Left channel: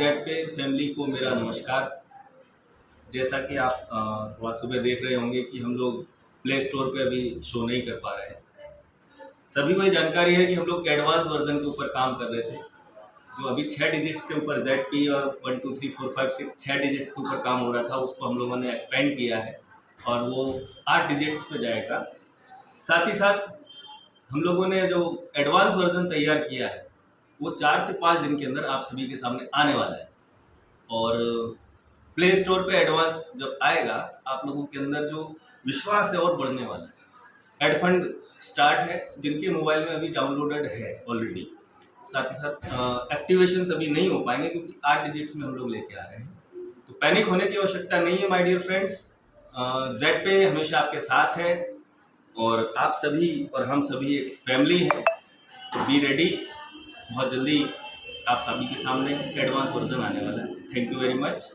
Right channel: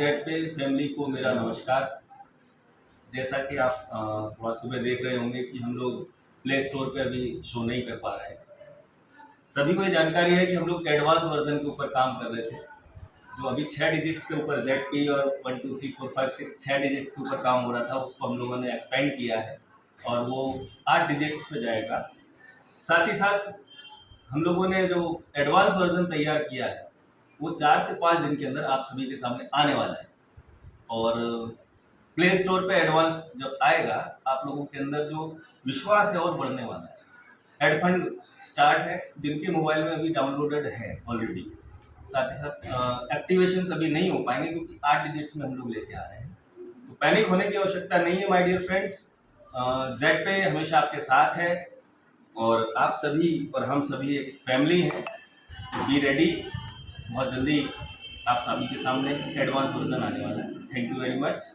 Z पे family को मेरा नमस्कार। जैसा कि आप थोड़ा सुबह देख रहे होंगे कि हम लोग प्ले स्टोर पे अभी शो नहीं कर पा रहे हैं। सभी को ये जानकारी है कि हम लोग एडवांस वर्जन के ऊपर काम कर रहे थे। जो अभी 6 डिजिट्स के ऊपर जेड पी और 1 2 3 4 5 6 6 डिजिट्स के ऊपर काम हो रहा था, उसको हम लोगों ने एक्सपेंड किया है और वो 8 डिजिट्स पे जाएगा। साथ ही साथ हम लोगों ने जो एडवांस वर्जन तैयार किया है वो 4 से 5 दिन के अंदर आप सभी के सामने आने वाला है। और प्ले स्टोर पे एडवांस जब आएगा, आप लोगों के अंदर जो विश्वास है और बढ़ने वाला है। एडफंड स्टार्ट है, जिनके मोबाइल में अभी डाउनलोडेड है ऑलरेडी। साथ ही साथ एक्टिवेशन अभी नहीं हो पाएंगे क्योंकि 8 डिजिट्स में हम लोग लेके आ रहे हैं। तो पैनिक होने की आवश्यकता नहीं है माय डियर फ्रेंड्स। जेड पे हमेशा आपके साथ है और आप सभी और हम सभी एक फैमिली है। तो बी रेडी, बहुत जल्दी आप सभी के सामने एडवांस वर्जन आने वाला है। Thank you very much.